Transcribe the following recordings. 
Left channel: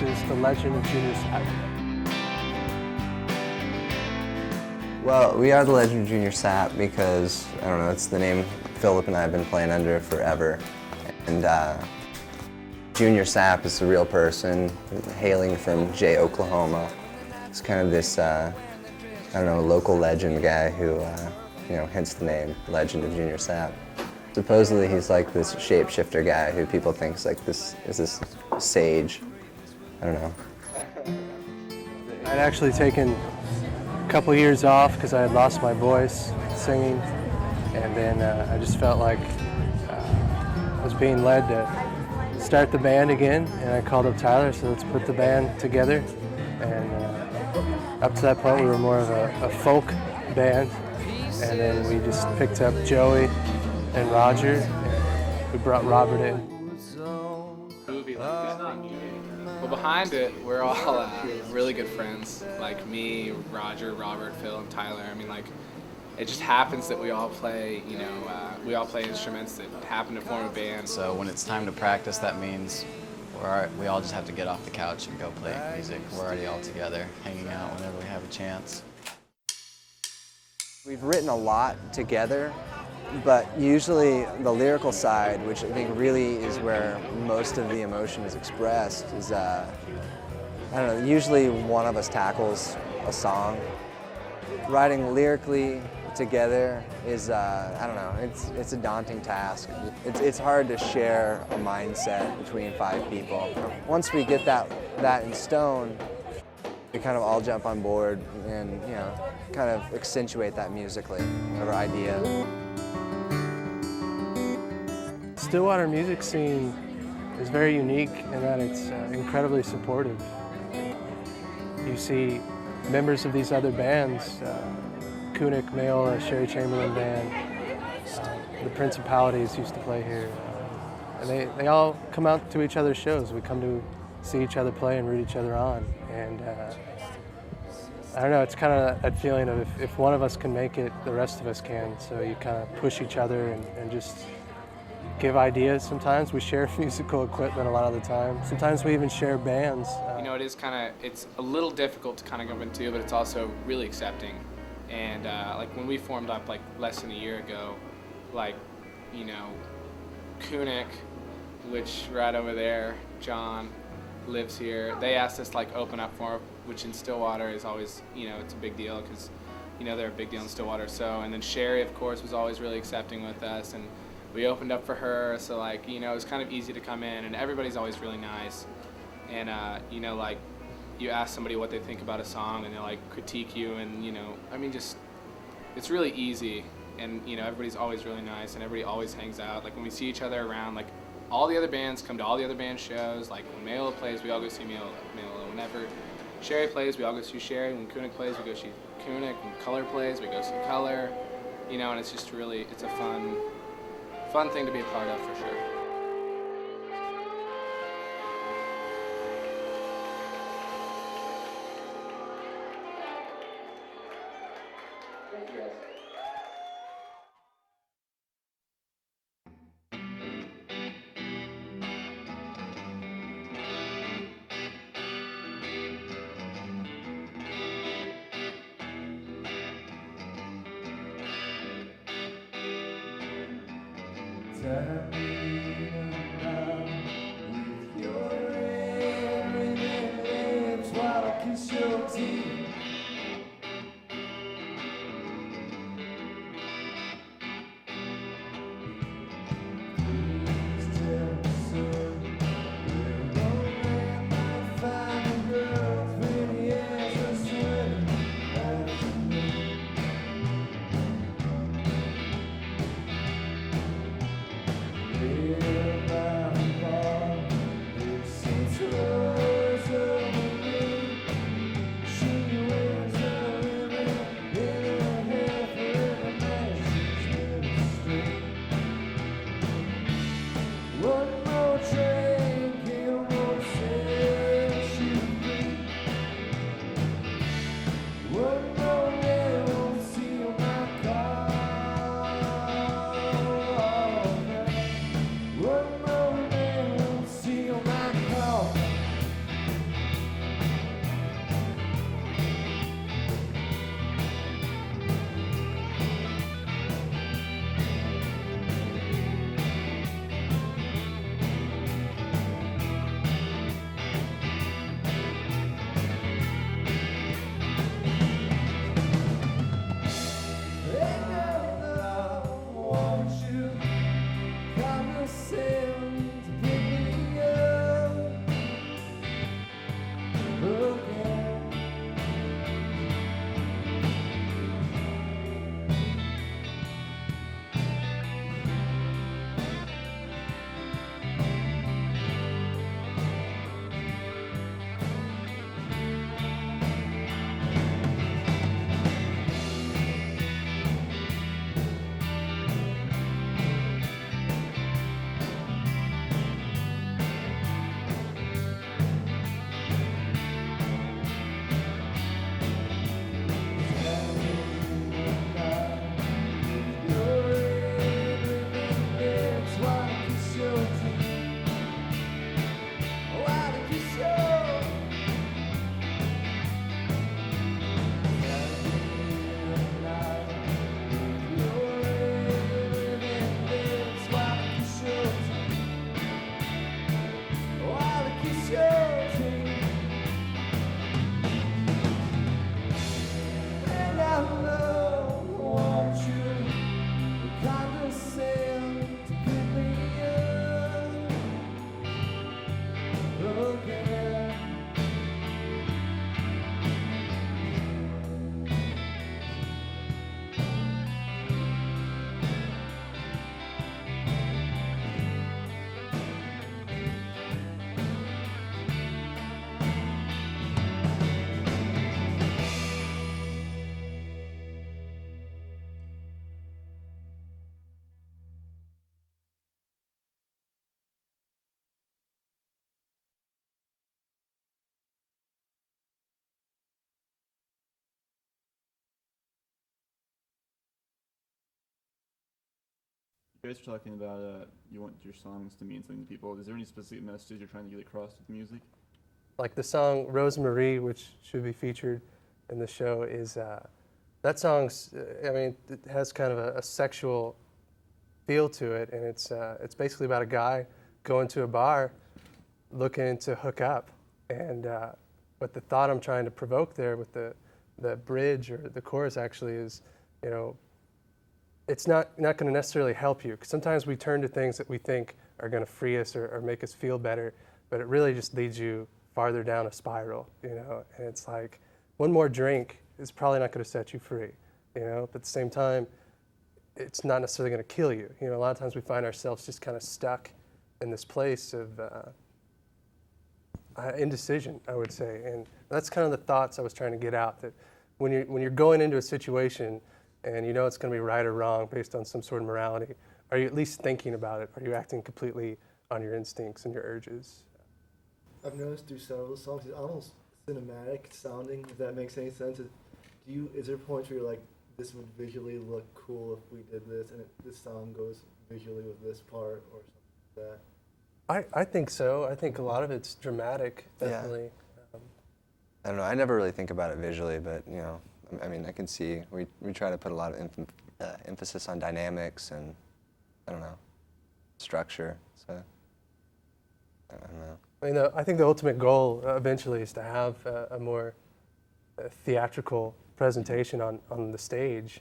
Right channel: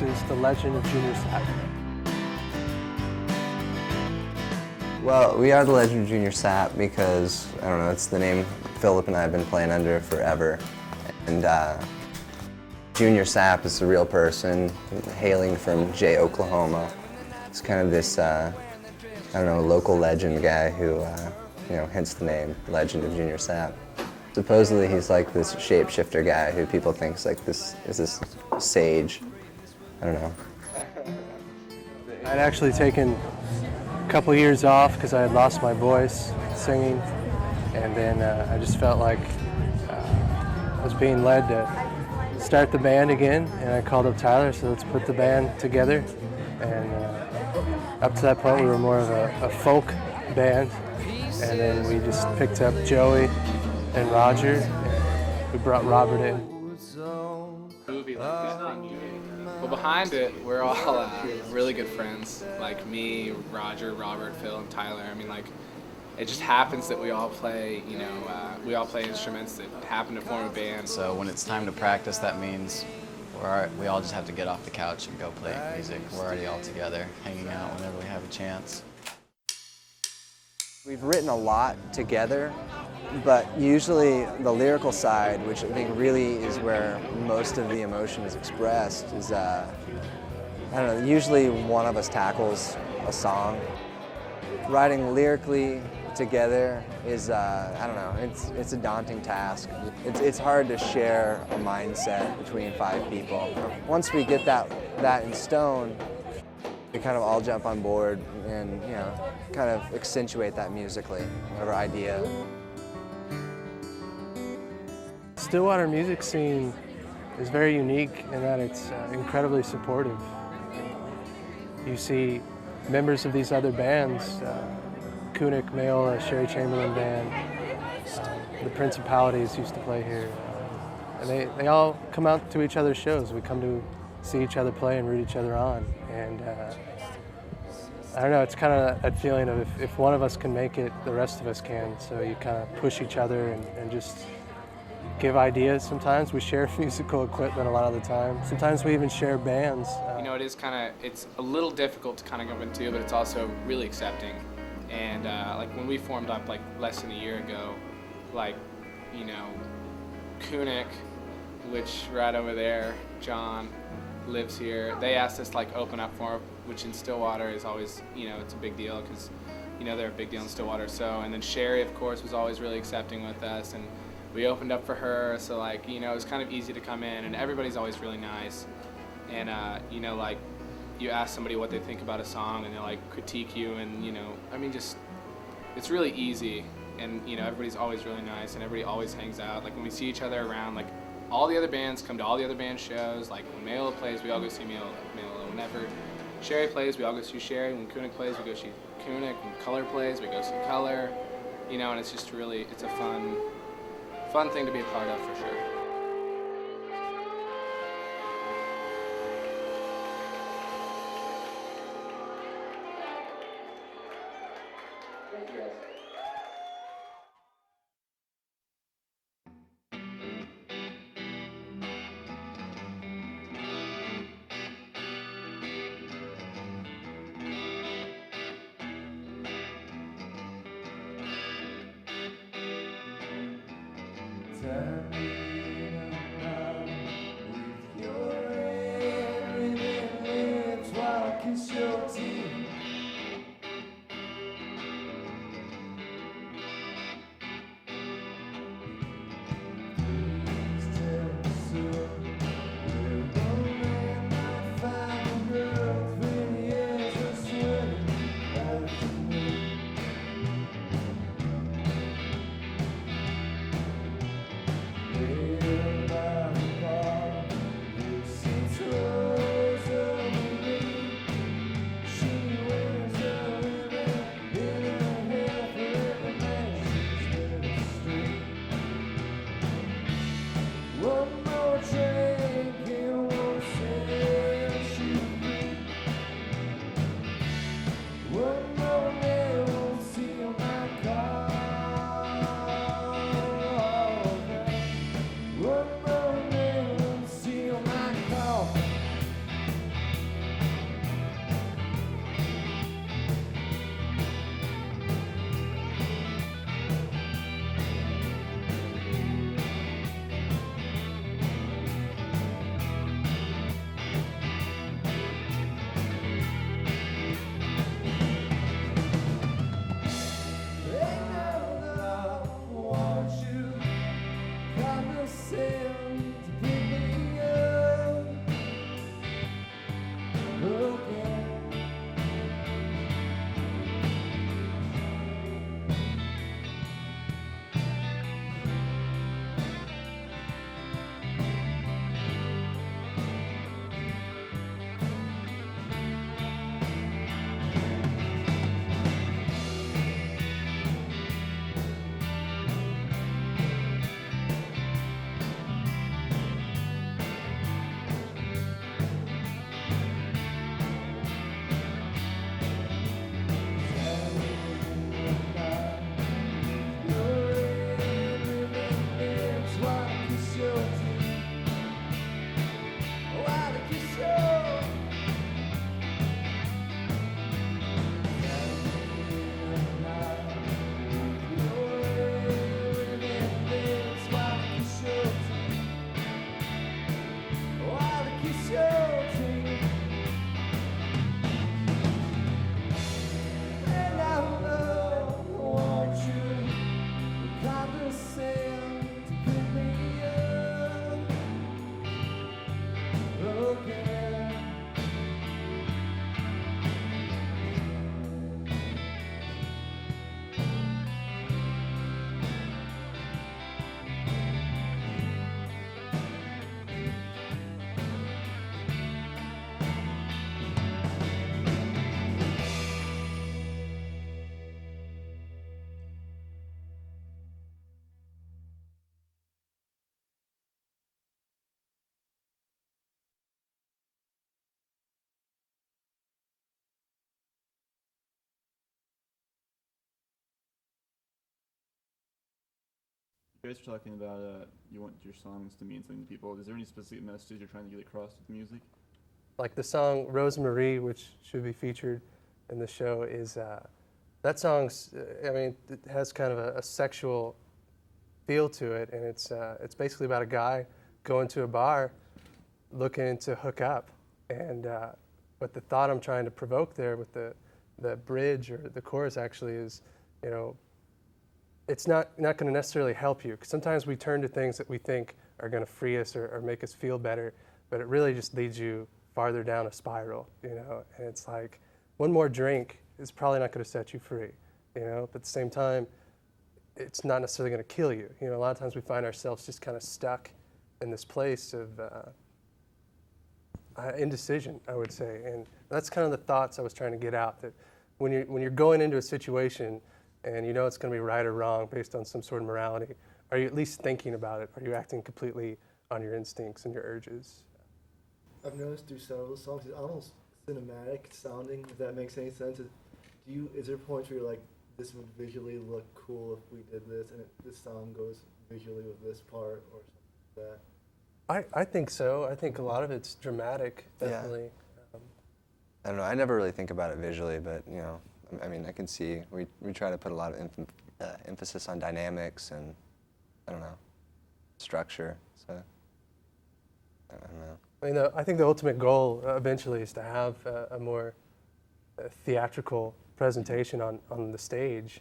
This is the legend of Junior Sapp. Well, we are the Legend of Junior Sapp because, I don't know, that's the name Philip and I have been playing under forever. And Junior Sapp is a real person hailing from Jay, Oklahoma. It's kind of this, I don't know, local legend guy who, hence the name, Legend of Junior Sapp. Supposedly he's like this shapeshifter guy who people think is like this sage. I don't know. I'd actually taken a couple years off because I had lost my voice singing, and then I just felt like I was being led to start the band again, and I called up Tyler, so let's put the band together. And up to that point we were more of a folk band, and then we just picked up Joey and Roger, and we brought Robert in. Well, behind it, we're all really good friends, like me, Roger, Robert, Phil, and Tyler. I mean, like, it just happens that we all play, we all play instruments that happen to form a band. So when it's time to practice, that means we all just have to get off the couch and go play music. We're already all together, hanging out whenever we have a chance. We've written a lot together, but usually the lyrical side, which I think really is where most of the emotion is expressed, is, I don't know, usually one of us tackles a song. Writing lyrically together is, I don't know, it's a daunting task. It's hard to share a mindset between 5 people. Once we get that in stone, we kind of all jump on board and, kind of accentuate that musically, whatever idea. Stillwater music scene is very unique in that it's incredibly supportive. You see members of these other bands, Kunik, Mayola, Sherry Chamberlain Band, the Principalities used to play here, and they all come out to each other's shows. We come to see each other play and root each other on, and I don't know, it's kind of that feeling of if one of us can make it, the rest of us can, so you kind of push each other and just give ideas. Sometimes we share musical equipment a lot of the time. Sometimes we even share bands. It's a little difficult to kind of go into, but it's also really accepting. And like when we formed up like less than a year ago, like, Kunik, which right over there, John lives here, they asked us to like open up for, which in Stillwater is always, it's a big deal because, they're a big deal in Stillwater. So, and then Sherry, of course, was always really accepting with us, and we opened up for her, so like, it was kind of easy to come in, and everybody's always really nice. And, like, you ask somebody what they think about a song, and they like critique you, and, it's really easy. And, everybody's always really nice, and everybody always hangs out. Like, when we see each other around, like, all the other bands come to all the other band shows. Like, when Mayola plays, we all go see Mayola. Whenever Sherry plays, we all go see Sherry. When Kunik plays, we go see Kunik. When Color plays, we go see Color. And it's just really, it's a fun thing to be a part of, for sure. You guys were talking about you want your songs to mean something to people. Is there any specific message you're trying to get across with music? Like the song Rosemarie, which should be featured in the show, is that song's. I mean, it has kind of a sexual feel to it, and it's basically about a guy going to a bar, looking to hook up, and but the thought I'm trying to provoke there with the bridge or the chorus actually is, you know, it's not going to necessarily help you, because sometimes we turn to things that we think are going to free us or make us feel better, but it really just leads you farther down a spiral, you know. And it's like one more drink is probably not going to set you free, you know, but at the same time, it's not necessarily going to kill you. You know, a lot of times we find ourselves just kind of stuck in this place of indecision, I would say, and that's kind of the thoughts I was trying to get out. That when you're going into a situation and you know it's going to be right or wrong based on some sort of morality, are you at least thinking about it? Are you acting completely on your instincts and your urges? I've noticed through some of the songs it's almost cinematic sounding, if that makes any sense. Is there points where you're like, this would visually look cool if we did this, and this song goes visually with this part, or something like that? I think so. I think a lot of it's dramatic, definitely. I don't know. I never really think about it visually, but you know, I mean, I can see we try to put a lot of emphasis on dynamics and I don't know, structure. So I don't know. I mean, I think the ultimate goal eventually is to have a more theatrical presentation on the stage.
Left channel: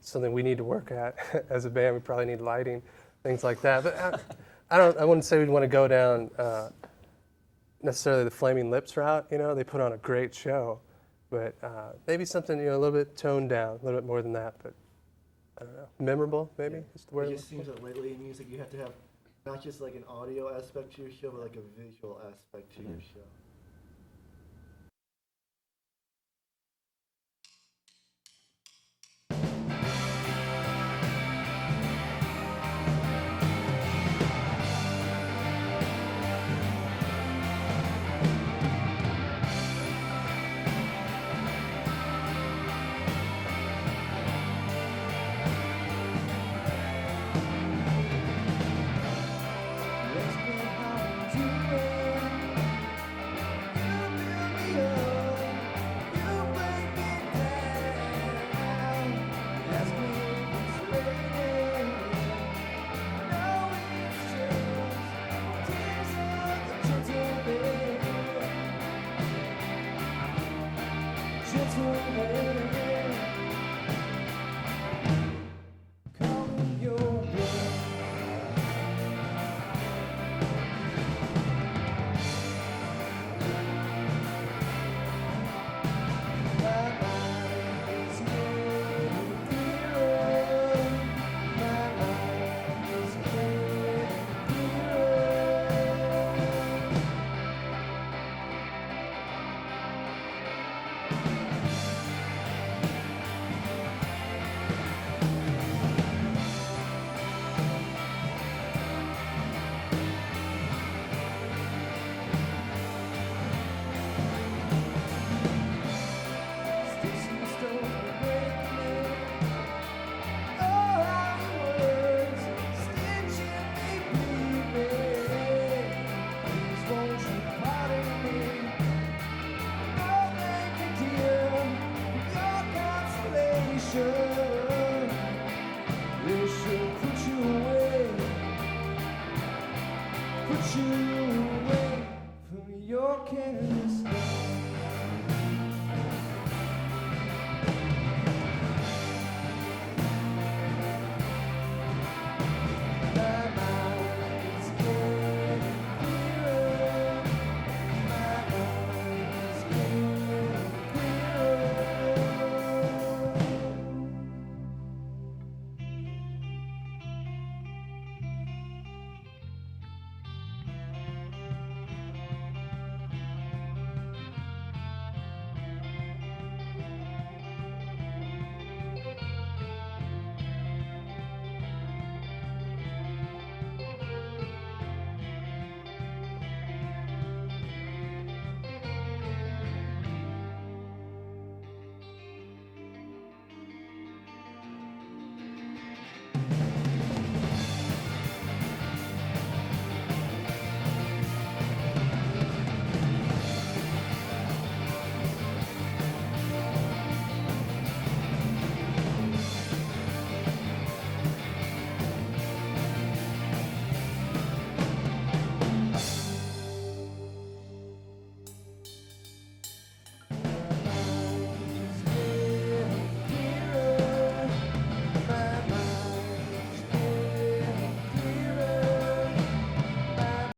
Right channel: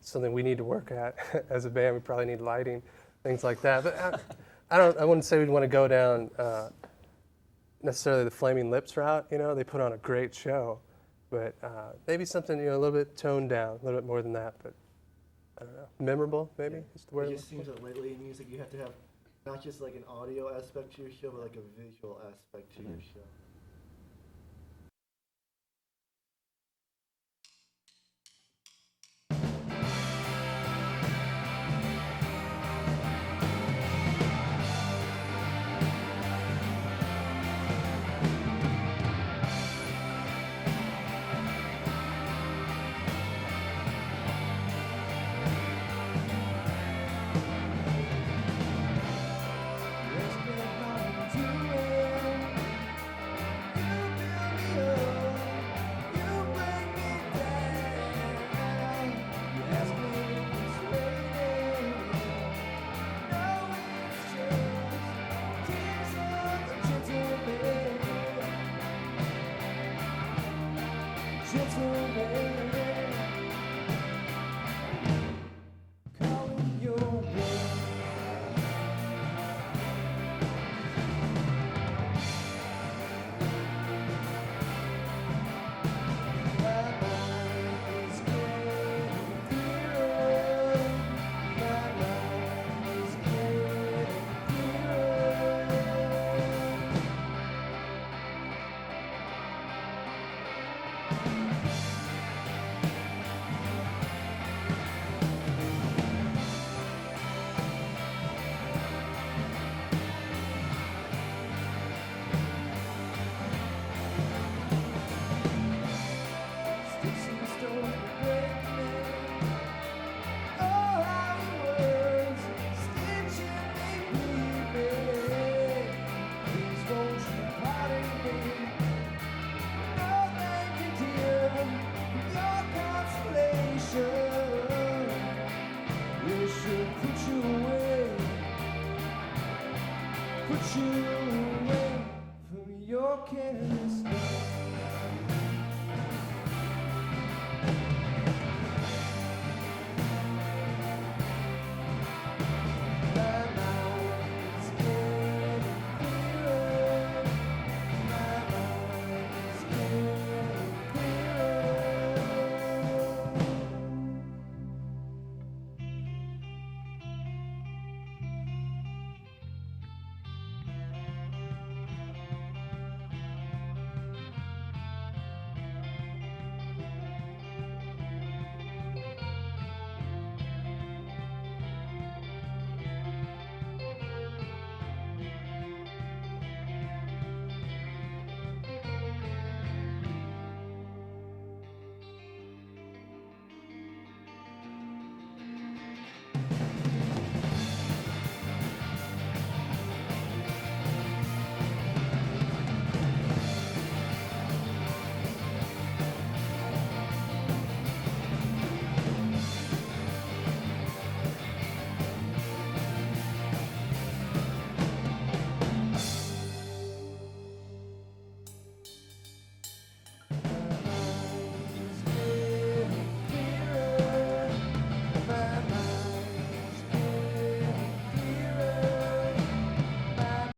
Something we need to work at as a band. We probably need lighting, things like that. But I wouldn't say we'd want to go down necessarily the Flaming Lips route. You know, they put on a great show, but maybe something, you know, a little bit toned down, a little bit more than that. But I don't know, memorable maybe is the word. It just seems that lately in music you have to have not just like an audio aspect to your show, but like a visual aspect to your show.